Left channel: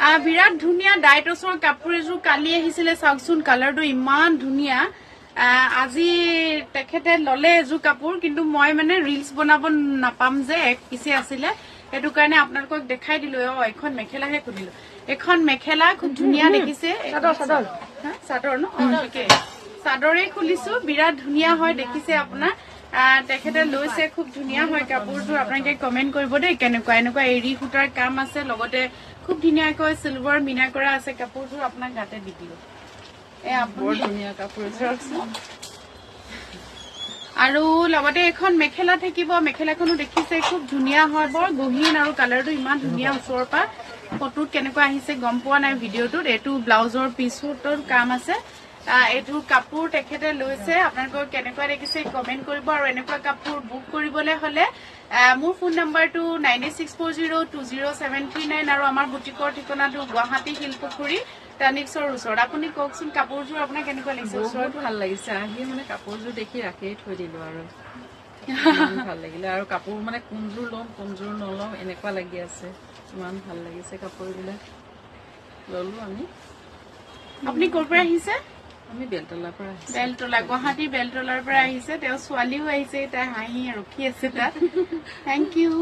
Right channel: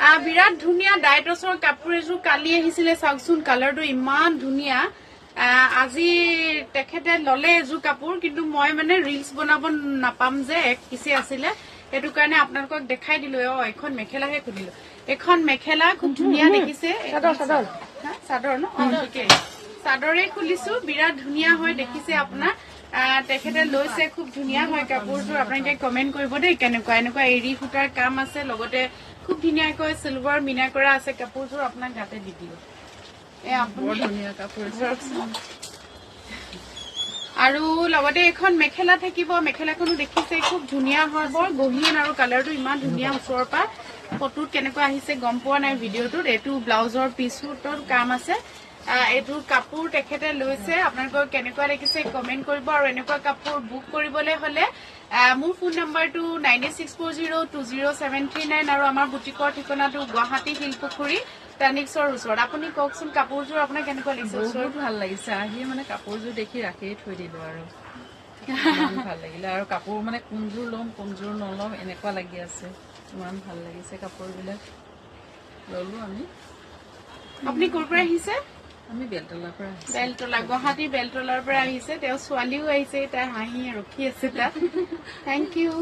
বিৰাট ধুনীয়া ডাইটছৰ কাপোৰ এযোৰ কালি আহিছিলে চাওকচোন কালাৰটো ইমান ধুনীয়া আজি তেখেতে ললে এযোৰ কাপোৰ কিন্তু মই মানে ৰিলছ বনাব নাপাম যে এক পিছে আছিলে সেইটো কাৰণে আপোনালোকক দেখাই দিলো এখন মেখেলাহে খুলিলো এখন মেখেলা খুব ধুনীয়া দেখিছে চাদৰ ন চাদৰে খুলিছো বিৰাট ধুনীয়া হয় দেখিছে আপোনাৰ তেখেতে লৈছে খুব ধুনীয়া হয় কাপোৰটো আপোনালোকে কমেন্ট কৰিব দেই কেনেকুৱা এনেকুৱা এৰি সূতাৰ কাম আছে লগতে খুব ধুনীয়াকৈ সিলভাৰ মিনা কৰা আছে কাপোৰটো আপোনাক গাতে দি দিলো বৰ ধুনীয়া কাপোৰ আৰু লগতে এখন মেখেলা থাকিব মেখেলাখনো দেখিছে খুব ধুনীয়া হয় বৰ গহীন আৰু কালাৰটো ইমান ধুনীয়া ওচৰৰ পৰা ফটোত কেনেকুৱা আহিছে গম পোৱা নাই ভিডিঅ'টোত এইটো ব্লাউজৰ পিছৰ কাম আছে এইটো কাপোৰ তেখেতে লৈছে আপোনালোকৰ কেনেকুৱা দেখিছে কমেন্ট কৰিব আৰু এনেকুৱা কাপোৰ বুক কৰিবলৈ হলে মোৰ ফোন নাম্বাৰটো 9864020739 আৰু আমাৰ বুটিকৰ ঠিকনাটো গুৱাহাটী শিলপুখুৰী টানিক্সৰ ওচৰত আপুনি কওকচোন কাপোৰযোৰ আপোনাক কেনেকুৱা লাগিছে বহুত ভাল লাগিছে আহি মানে কাপোৰযোৰ দেখি ৰাখিয়ে থৈ দিলো আৰু ভাল লাগিলে আৰু কাপোৰ মানে কোনযোৰ ল'ম কোনযোৰ নল'ম এনেকুৱা লাগি আছে ইমান ভাল লাগিছে কাপোৰবিলাক ললো আমি আপুনি ক'ৰ পৰা আহিছে আমি বেলতলাৰ পৰা আহিছে বেলতলা গুৱাহাটী বেলতলাৰ পৰা আহিছে তেওঁ ছোৱালীও আহিছে তাই হাঁহি ৰখি আছে তাত থেংক ইউ